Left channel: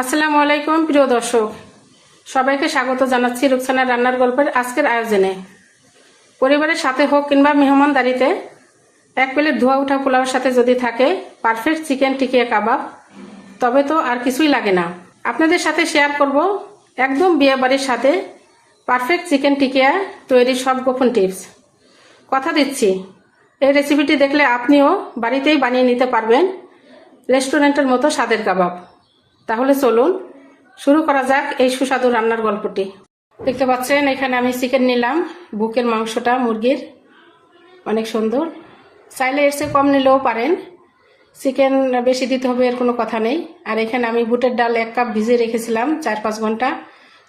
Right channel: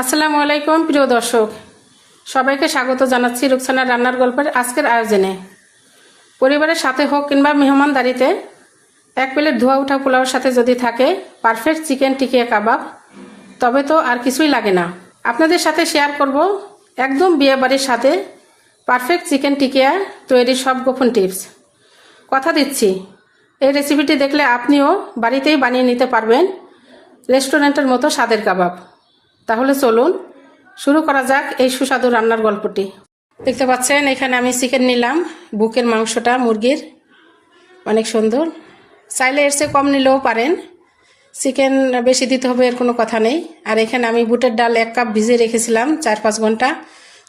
আসসালামু আলাইকুম প্রিয় দর্শক, সবাইকে স্বাগত জানাচ্ছি রুকসানা রান্নার গল্পের আজকের আয়োজনে। পরিবারের সাথে হোক কিংবা মেহমানদারিতে এক প্লেট ধোয়া ওঠা পোলাওর সাথে যদি থাকে পারফেক্ট চিকেন টিকিয়া কাবাব, তবে তো আর কিছুই লাগে না। আপনাদের সাথে শেয়ার করব একদম বিয়ে বাড়ির সাথে পারফেক্ট চিকেন টিকিয়া তৈরির সব গোপন টিপস। কথা দিচ্ছি, এই রেসিপিটি দেখলে আপনিও বাড়িতেই বানিয়ে নিতে পারবেন রেস্টুরেন্টের মতো স্বাদের কাবাব। তাহলে চলুন শুরু করা যাক এই সুস্বাদু রান্নার গল্পটি। দেখতে পাচ্ছেন এখানে আমি চিকেন নিলাম, বুকের মাংসটা মুরগির, অনেক সুন্দর। চাইলে এর চেয়ে কম নিলেও পারেন, চিকেন বেশি দিতে হবে এর কোনো কথা নেই। আর এখানে আমি বুটের ডাল 1 কাপ ভিজিয়ে রেখেছিলাম 4-5 ঘন্টা,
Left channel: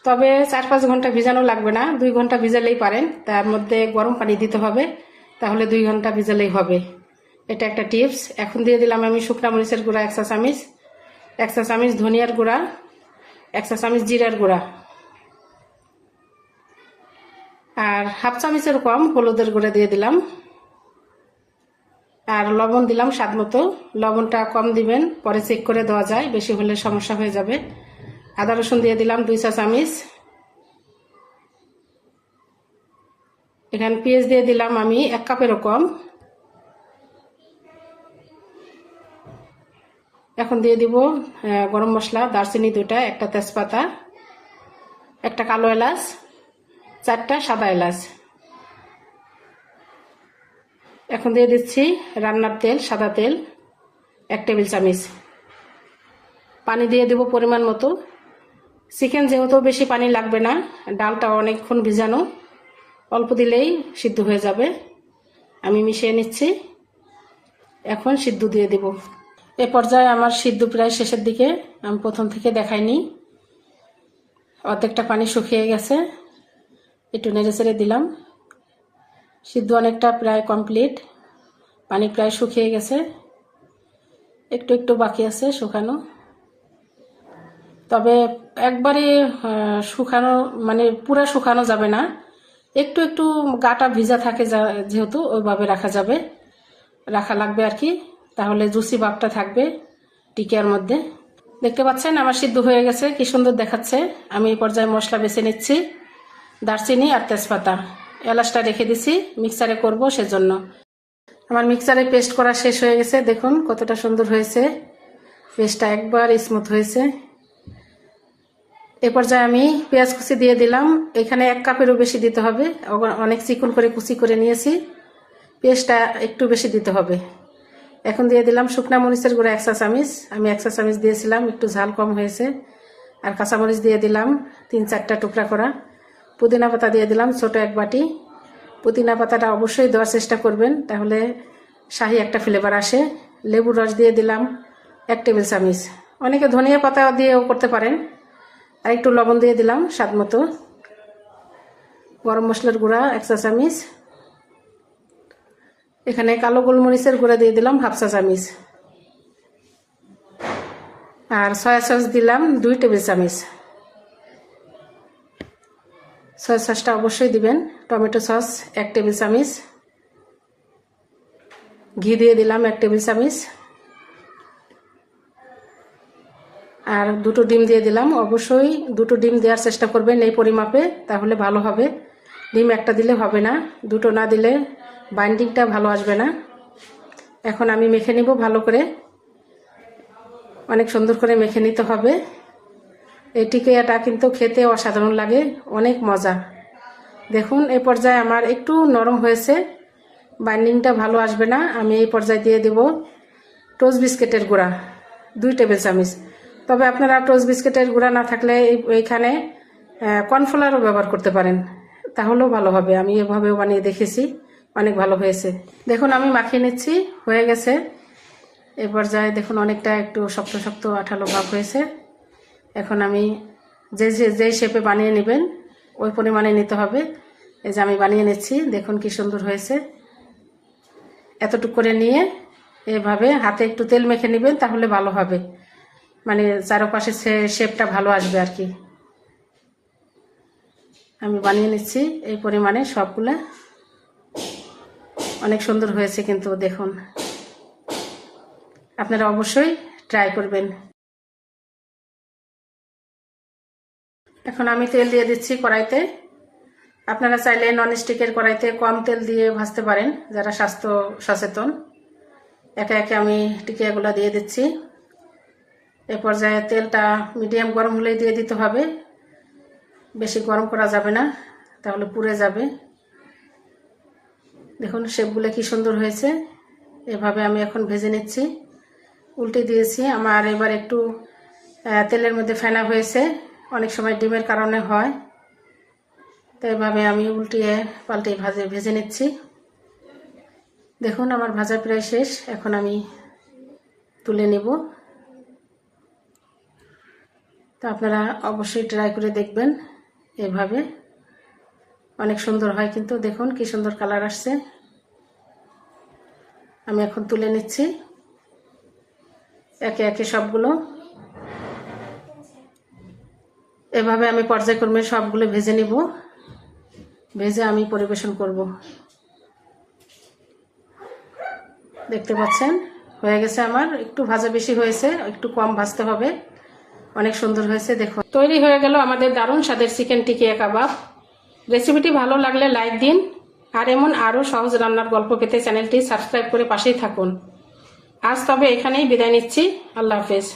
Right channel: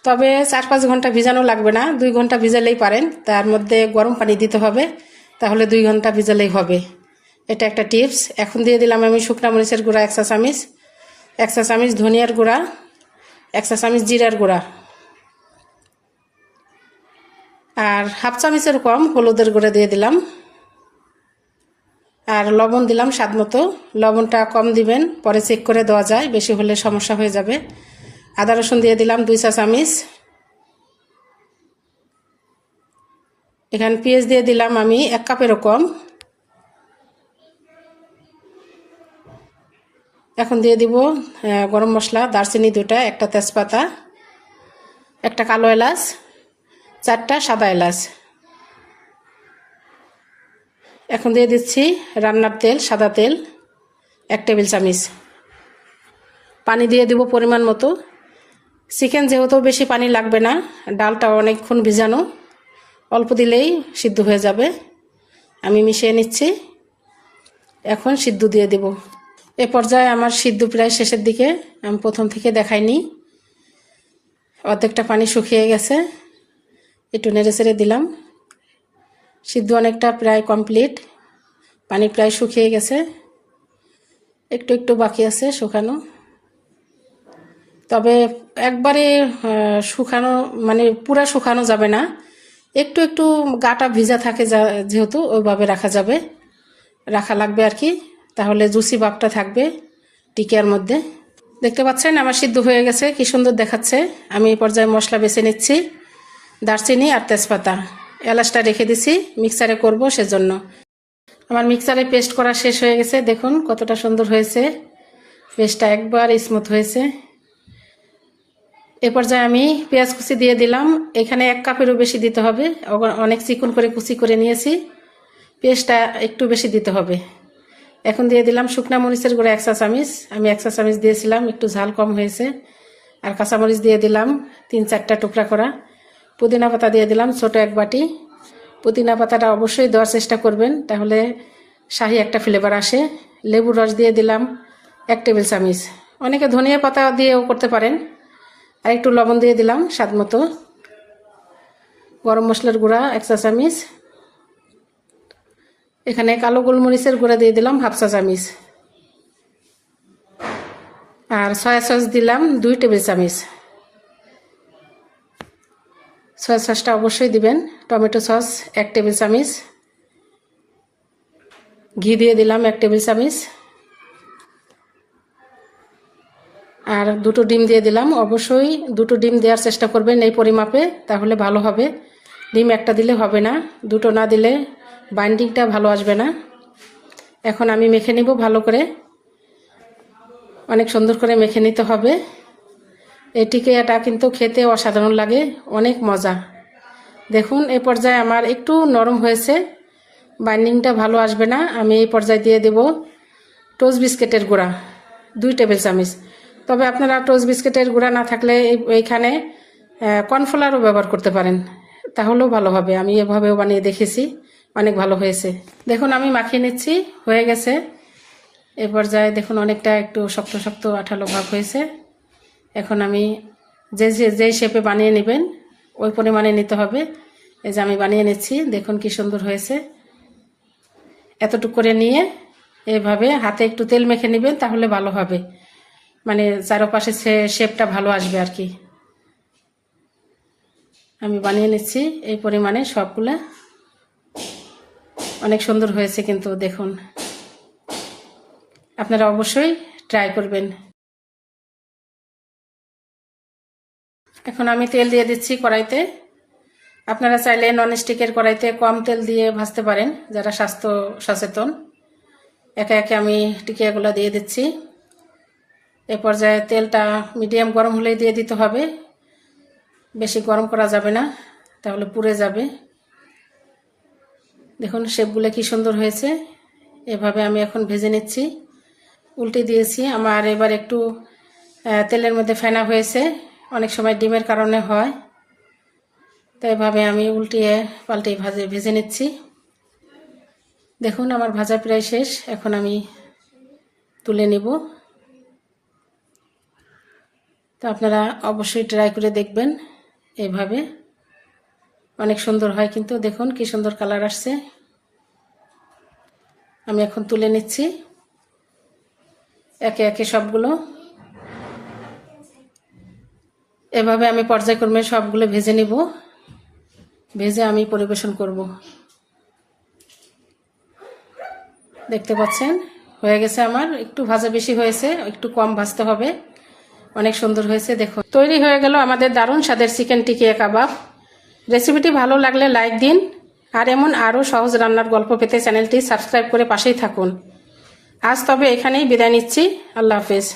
তবে 4-5 ঘন্টা ভিজানো লাগবে না, 2 ঘন্টা ভিজালেই পারেন। তার মধ্যে গরম পানি দিতে হবে, তাহলে 2 ঘন্টা ভিজালেই হবে। এটা একটা টিপস। এখন দিয়ে দিলাম আমি শুকনা মরিচের গুঁড়া 1 চা চামচ, 1 চা চামচ ধনিয়ার গুঁড়া, 1 চা চামচ জিরার গুঁড়া, আর 1/2 চামচের কম হলুদের গুঁড়া দিয়ে দিলাম। আর লবণ দিলাম স্বাদ মতো। লবণটা কম দিবেন, পরে চেক করে দেওয়া যায়, বেশি হলে সমস্যা হয়ে যাবে। আদা রসুন দিয়ে দিলাম 2 চা চামচ। এখানে পেঁয়াজ দিয়ে দিলাম আমি 1 কাপেরও কম। এখন দিয়ে দিব গরম মশলা, দারচিনি 2টা, একটা তেজপাতা, একটা কালো এলাচ, 4টা সাদা এলাচ। এখন দিয়ে দিচ্ছি রান্নার তেল, সাদা তেল 1 টেবিল চামচ। পানি দিয়ে দিব পরিমাণ মতো। চিকেন যেহেতু বেশি পানি লাগবে না, ডালটা অনেকক্ষণ ভিজানো, অল্প দিলেই সিদ্ধ হয়ে যাবে। আমি মিশিয়ে নিচ্ছি। এখন সিদ্ধ দিয়ে দেব। এ পর্যায়ে আমার সিদ্ধ প্রায় শেষের দিকে, আমি প্রথম থেকে দেখাইনি। অর্ধেকটা পানি শুকিয়ে গেছে, একটু নেড়ে চেড়ে দিলাম। সিদ্ধ অনেকটা প্রায় কমপ্লিট, পানি প্রায় শুকিয়ে গেছে, একটু একটু বাকি আছে শুকানো। তবে একবারে শুকানো মানে পুরা শুকানো যাবে না, একটু একটু গাটা ভিজা থাকে যেহেতু ওইভাবে রাখা লাগবে আর কি, তাহলে জুসি ভাবটা থাকবে টিকিয়ার মধ্যে। দেখতে পাচ্ছেন আমার সিদ্ধ হয়ে গেছে, কি সুন্দর দেখাচ্ছে। আমি এই পর্যায়ে মশলা বেছে নিচ্ছি, দারচিনি আর তেজপাতা। এলাচটা রেখে দিছি, মিক্সারে করব সেজন্য। আমার মিক্সারে পেস্ট করা শেষ হয়ে গেছে, দেখুন কতটা সুন্দর হয়েছে, পেস্টটা একবার স্মুথ হয়েছে। এ পর্যায়ে আমি পেঁয়াজ কুচি দিয়ে দিলাম। এখানে 1 কাপেরও বেশি দিতে হবে, অনেক চিকন করে কুচি করে নিয়েছি, পেস্টটা একটু বেশি দিতে হবে। এখন দিয়ে দিলাম শুকনা মরিচের গুঁড়া 1 চা চামচ, আমি 1 চা চামচ দিয়েছিলাম, একটু ঝাল কম হয়েছে। আর কাঁচামরিচ দিয়ে দিলাম 3-4টা টুকরা করা। পুদিনা পাতা দিয়ে দিলাম ছোট 1 বাটি। পুদিনা পাতাটা অবশ্যই দেওয়ার চেষ্টা করবেন, তাহলে শাহি একটা ফ্লেভার আসে। লেবুর রস দিয়ে দিলাম 1 টেবিল চামচ, অনেকে ধনিয়া পাতা দিয়েও করতে পারেন। আর একটু লবণ দিয়ে দিলাম স্বাদ মতো। গরম মশলার গুঁড়া 1 চা চামচ। এখানে কালো গোলমরিচের গুঁড়া দিয়ে দিলাম 1/2 চা চামচ। আর সয়া সস দিলাম 2 টেবিল চামচ। সয়া সসটা অবশ্যই দিবেন। টমেটো সস 1 টেবিল চামচ। ঘি দিয়ে দিলাম 1 টেবিল চামচ। আর 2টো ডিম দিয়ে দিলাম। অবশ্যই 2টো ডিম দেওয়ার চেষ্টা করবেন এই পরিমাপে, তাহলে ভালো হবে। ডিম একটা দিলে হবে না, 2টো না দিলে বাইন্ডিংটা ভালো আসবে না। এখন আমি মেখে নিব ভালো করে, অনেক সুন্দর করে মেখে নিতে হবে। এই টিকিয়াটা কিন্তু খেতে অসাধারণ লাগে, অনেক মজা। দেখুন এই পর্যায়ে আমার একটু নরম হয়েছে, বাইন্ডিংটা ভালো আসবে না। আমি এই পর্যায়ে দিয়ে দেব টোস্ট বিস্কিটের গুঁড়া 2 টেবিল চামচ। তবে আপনারা টোস্ট বিস্কিটের গুঁড়া না থাকলে এইখানে কর্নফ্লাওয়ারও ব্যবহার করতে পারেন, তাহলেও ভালো হবে। আমি এভাবেও বানিয়ে দেখেছি, অনেক ভালো হয়েছে। দেখুন আমি মাখিয়ে নিচ্ছি, হয়ে গেছে। এ পর্যায়ে দেখুন অনেকটা একটু শক্ত শক্ত আঠালো ভাব হয়েছে। এখন আমি যে শেপে বানিয়ে নেবেন ওই পরিমাণে নিতে হবে। এই যে আমি বানিয়ে নিচ্ছি, দেখুন কি সুন্দর হয়েছে। এতটুকু করে নিয়ে এভাবে হাতে একটু তেল মেখে নেবেন, তাহলে ভালো হবে, মানে চারপাশে শেপটা ভালো আসবে আর কি। আমি বানিয়ে নিচ্ছি এই পরিমাণে সবগুলো, অনেক সুন্দর হয়েছে কিন্তু দেখুন। আপনারা অবশ্যই ট্রাই করবেন। এখন আমি তেল দিয়ে দিচ্ছি কড়াইতে। আপনারা চাইলে ননস্টিকের কড়াইতে কম তেল দিয়ে ভাজতে পারেন যারা স্বাস্থ্য সচেতন। একে একে আমি টিকিয়াগুলো দিয়ে দিচ্ছি। এই পর্যায়ে তেলটা মিডিয়াম গরম হলেই দিয়ে দিতে হবে, বেশি গরম করা যাবে না, তাহলে পুড়ে যাবে। দেখুন শেপগুলো কি সুন্দর হয়েছে। এভাবে আমি এখন ভেজে নিচ্ছি। উল্টে দিয়েছি। আমার এবার একটু তেলের মধ্যে ফেনা হয়েছে, অনেক সময় ডিমের কারণে হয়। তো এভাবে আমি উল্টিয়ে পাল্টে ভেজে নিচ্ছি। দেখুন আমার ভাজা প্রায় শেষ। এখন আমি তুলে নিব। তো আপনারা অবশ্যই ট্রাই করে দেখবেন। এভাবে অনেক সুন্দর হয় কিন্তু। দেখুন কি সুন্দর কালার আসছে। আমি এখন তুলে নিচ্ছি একে একে সবগুলো। এভাবে আমি পর্যায়ক্রমে সবগুলো ভেজে নিব, ভেজে আমি পরিবেশন করব। দেখতে পাচ্ছেন হয়ে গেছে আমার। একটু ভাজা বেশি হয়েছে, একটু কম ভাজতে হবে। অনেক সুন্দর হয়েছে। দেখুন তৈরি হয়ে গেল আমাদের দারুণ স্বাদের চিকেন টিকিয়া কাবাব। রেসিপিটি ভালো লাগলে লাইক দিন, আর এমন আরও সহজ রান্নার গল্প পেতে চ্যানেলটি সাবস্ক্রাইব করে পাশেই থাকুন। আজ তবে এখানেই বিদায় নিচ্ছি। আল্লাহ হাফেজ।